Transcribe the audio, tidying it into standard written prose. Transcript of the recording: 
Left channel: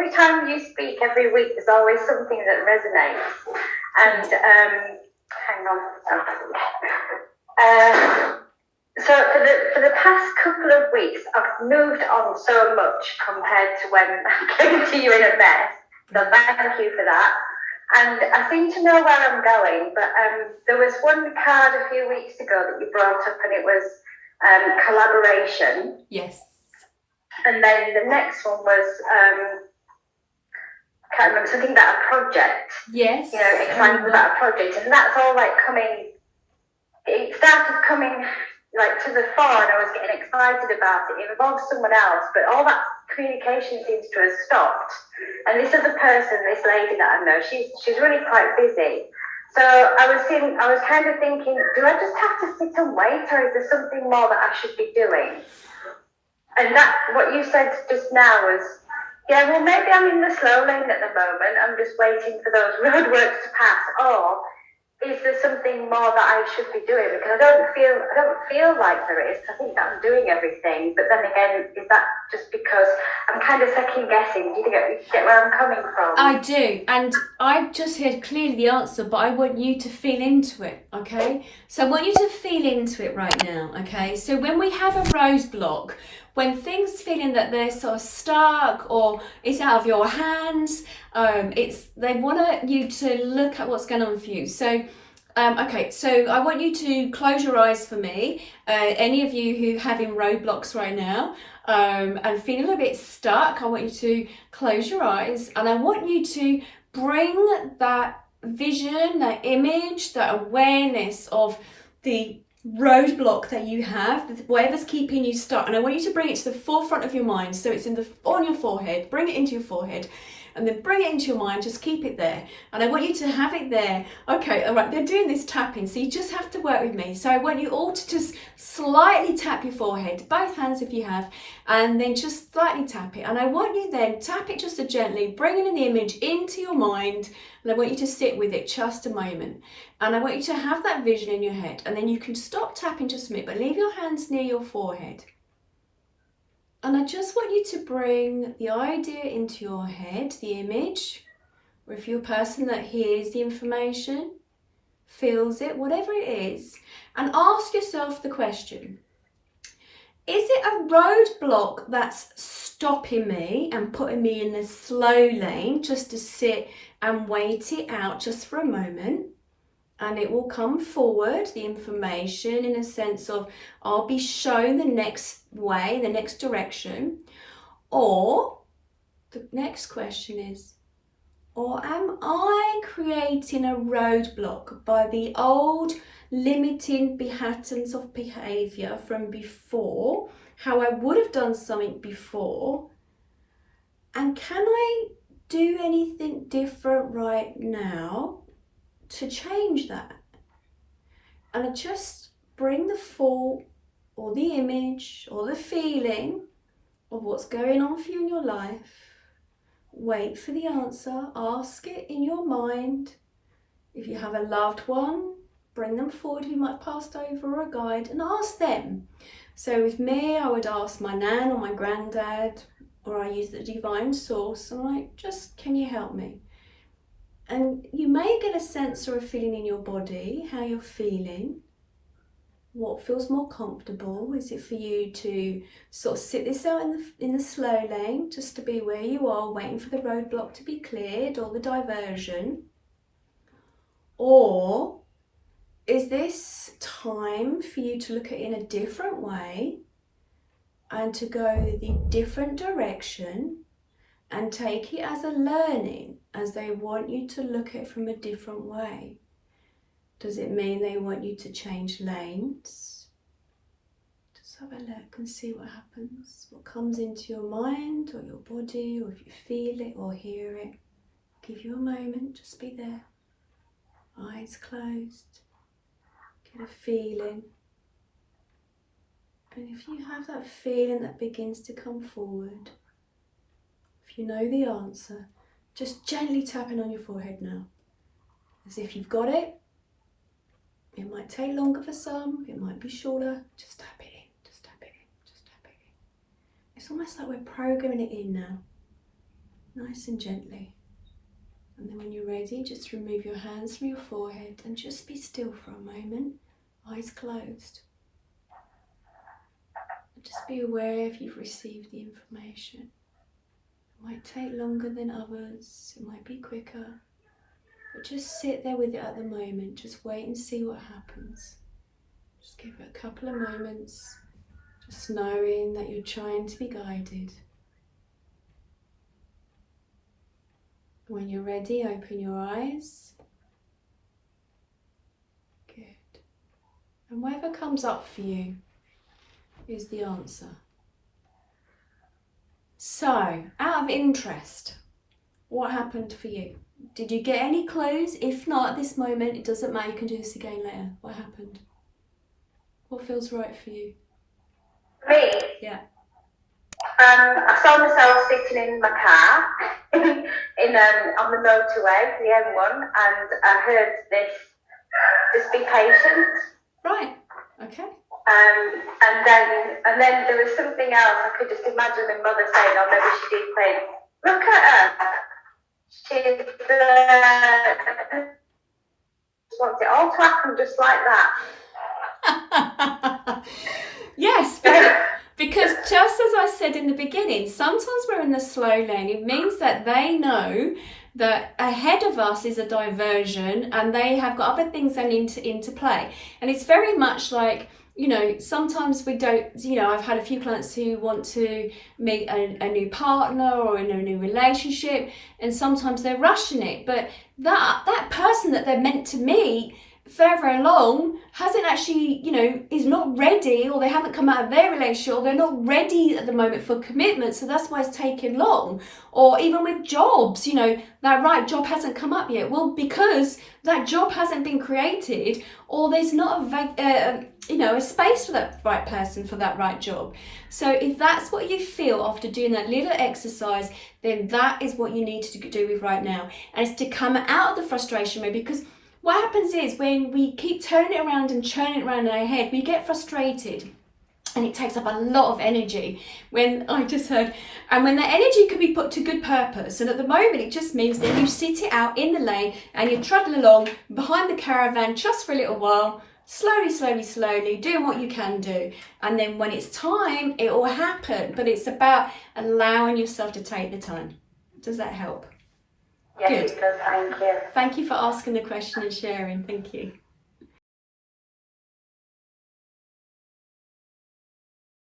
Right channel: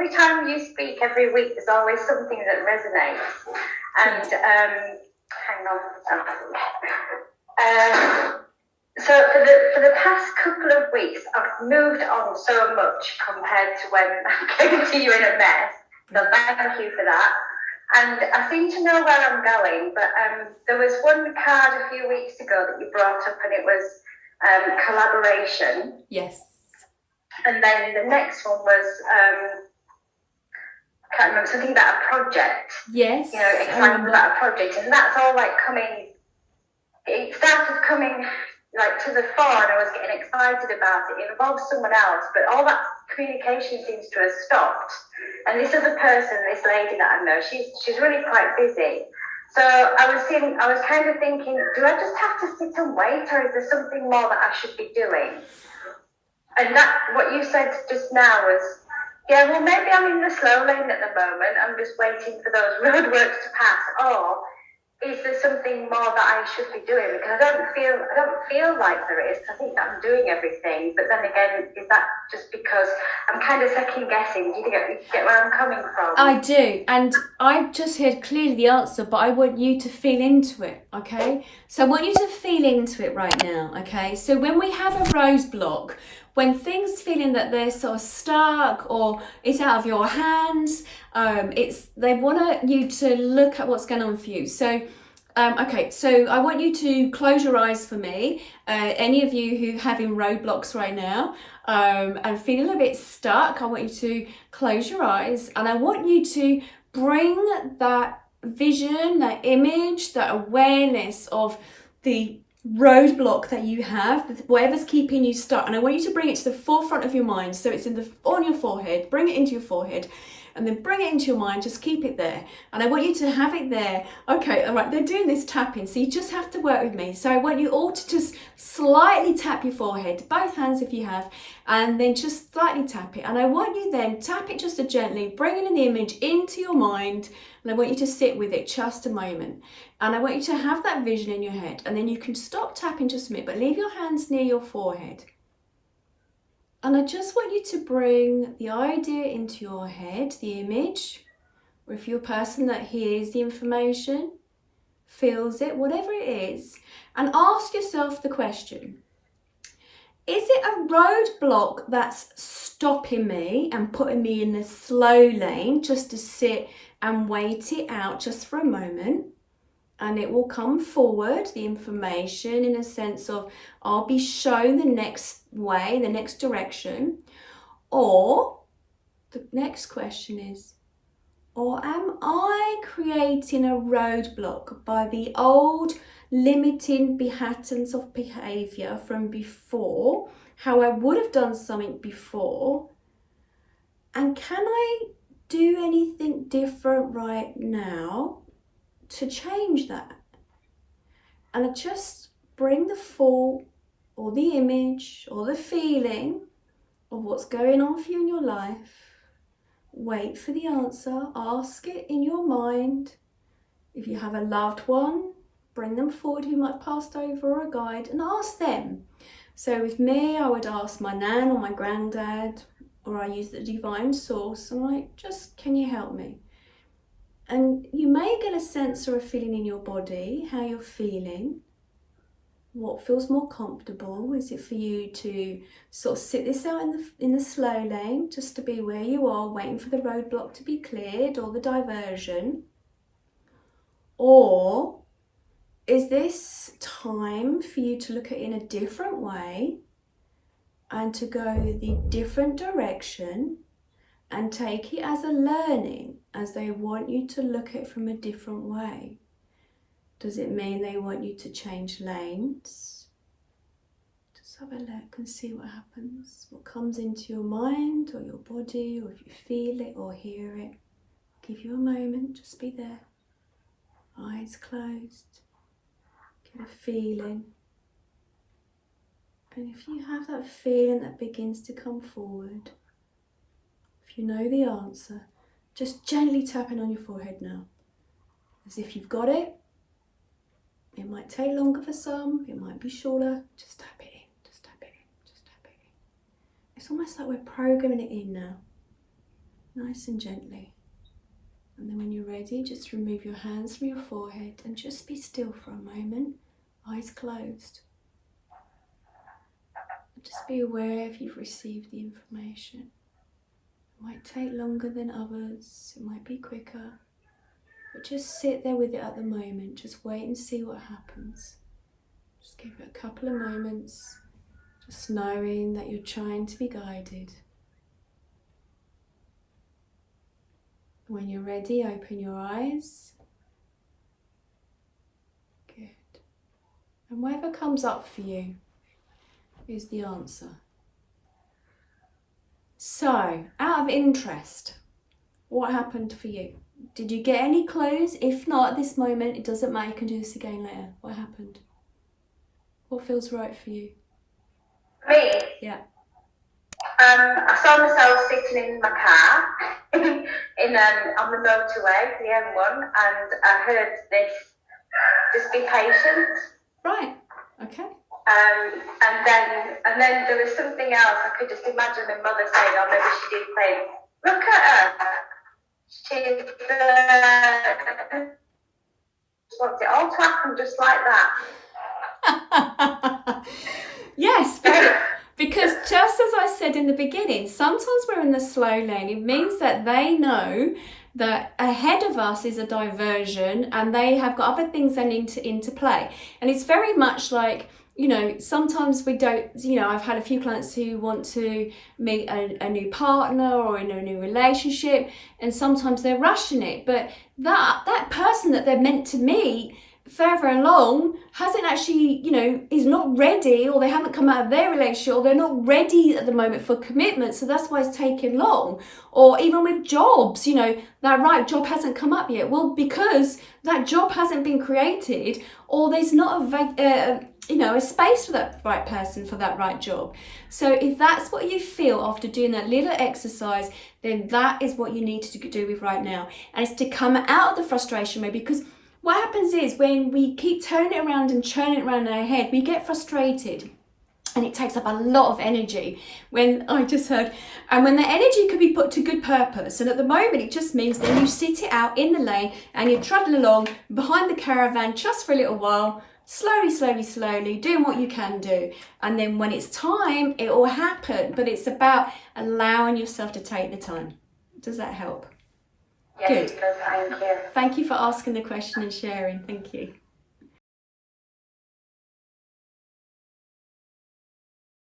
every time you speak every week, there's always something that resonates. And hang on. So for the past couple of weeks, I've moved on so much compared to when I came to you in a mess. So thank you for that. And I seem to know where I'm going, but there was one card a few weeks ago that you brought up, and it was collaboration. Yes. And then the next one was, I can't remember, something about a project. Yes. You know, excitement about a project. And that's all like it started coming like to the fore, and I was getting excited about it. It involves someone else, but all that communication seems to have stopped. And this other person, this lady that I know, she's really quite busy. So I was kind of thinking, do I just have to sit and wait, or is there something more that I should be doing? And that, what you said just now was, yeah, well, maybe I'm in the slow lane at the moment. I'm just waiting for those roadworks to pass. Or is there something more that I should be doing? Because I don't feel like there is. I think that I'm doing everything. But then again, is that just because I'm kind of second guessing? Do you get where I'm coming from? I do, and I've just heard clearly the answer, but I want you to feel into it, okay? So I want you to feel into it right now, okay? So when we have a roadblock, when things feeling that they're sort of stuck or it's out of your hands, they want you to look at what's going on for you. So okay, so I want you to close your eyes for me, any of you who are having roadblocks right now and feeling a little bit stuck. I want you to close your eyes, and I want you to bring that vision, that image, that awareness of the roadblock that you have, whatever's keeping you stuck, and I want you to bring it to the forefront of your mind. So it's on your forehead. Bring it into your forehead, and then bring it into your mind. Just keep it there, and I want you to have it there. Okay, all right, they're doing this tapping, so you just have to work with me. So I want you all to just slightly tap your forehead, both hands if you have, and then just slightly tap it. And I want you then tap it just so gently, bringing in the image into your mind, and I want you to sit with it just a moment. And I want you to have that vision in your head, and then you can stop tapping just a minute, but leave your hands near your forehead. And I just want you to bring the idea into your head, the image, or if you're a person that hears the information, feels it, whatever it is, and ask yourself the question, is it a roadblock that's stopping me and putting me in the slow lane just to sit and wait it out just for a moment? And it will come forward, the information, in a sense of I'll be shown the next way, the next direction. Or the next question is, or am I creating a roadblock by the old limiting patterns of behaviour from before, how I would have done something before? And can I do anything different right now to change that? And I just bring the thought or the image or the feeling of what's going on for you in your life. Wait for the answer, ask it in your mind. If you have a loved one, bring them forward who might have passed over, or a guide, and ask them. So with me, I would ask my nan or my granddad, or I use the divine source, and I'm like, just, can you help me? And you may get a sense or a feeling in your body, how you're feeling. What feels more comfortable? Is it for you to sort of sit this out in the slow lane, just to be where you are, waiting for the roadblock to be cleared or the diversion? Or is this time for you to look at it in a different way and to go the different direction and take it as a learning, as they want you to look at it from a different way? Does it mean they want you to change lanes? Just have a look and see what happens. What comes into your mind or your body, or if you feel it or hear it. I'll give you a moment, just be there. Eyes closed. Get a feeling. And if you have that feeling that begins to come forward, if you know the answer, just gently tapping on your forehead now. As if you've got it. It might take longer for some, it might be shorter. Just tap it in, just tap it in, just tap it in. It's almost like we're programming it in now. nice and gently. And then when you're ready, just remove your hands from your forehead and just be still for a moment, eyes closed. Just be aware if you've received the information. It might take longer than others, it might be quicker, but just sit there with it at the moment. Just wait and see what happens. Just give it a couple of moments, just knowing that you're trying to be guided. When you're ready, open your eyes. Good. And whatever comes up for you is the answer. So, out of interest, what happened for you? Did you get any clues? If not at this moment, it doesn't matter, you can do this again later. What happened? What feels right for you? Me? Yeah. I saw myself sitting in my car on the motorway, the M1, and I heard this, just be patient. Right, okay. And then there was something else. I could just imagine my mother saying, or maybe she did say, look at her. She's wants it all to happen just like that. Yes, because just as I said in the beginning, sometimes we're in the slow lane. It means that they know that ahead of us is a diversion and they have got other things they need to into play. And it's very much like, you know, sometimes we don't, you know, I've had a few clients who want to meet a new partner or in a new relationship, and sometimes they're rushing it. But that person that they're meant to meet further along hasn't actually, you know, is not ready, or they haven't come out of their relationship, or they're not ready at the moment for commitment, so that's why it's taken long. Or even with jobs, you know, that right job hasn't come up yet. Well, because that job hasn't been created, or there's not a space for that right person for that right job. So if that's what you feel after doing that little exercise, then that is what you need to do with right now. And it's to come out of the frustration mode, because what happens is when we keep turning it around and churning it around in our head, we get frustrated and it takes up a lot of energy. When the energy could be put to good purpose, and at the moment it just means that you sit it out in the lane and you trundle along behind the caravan just for a little while, slowly, doing what you can do. And then when it's time, it will happen. But it's about allowing yourself to take the time. Does that help? Yes, Good. it does, thank you. Thank you for asking the question and sharing. Thank you.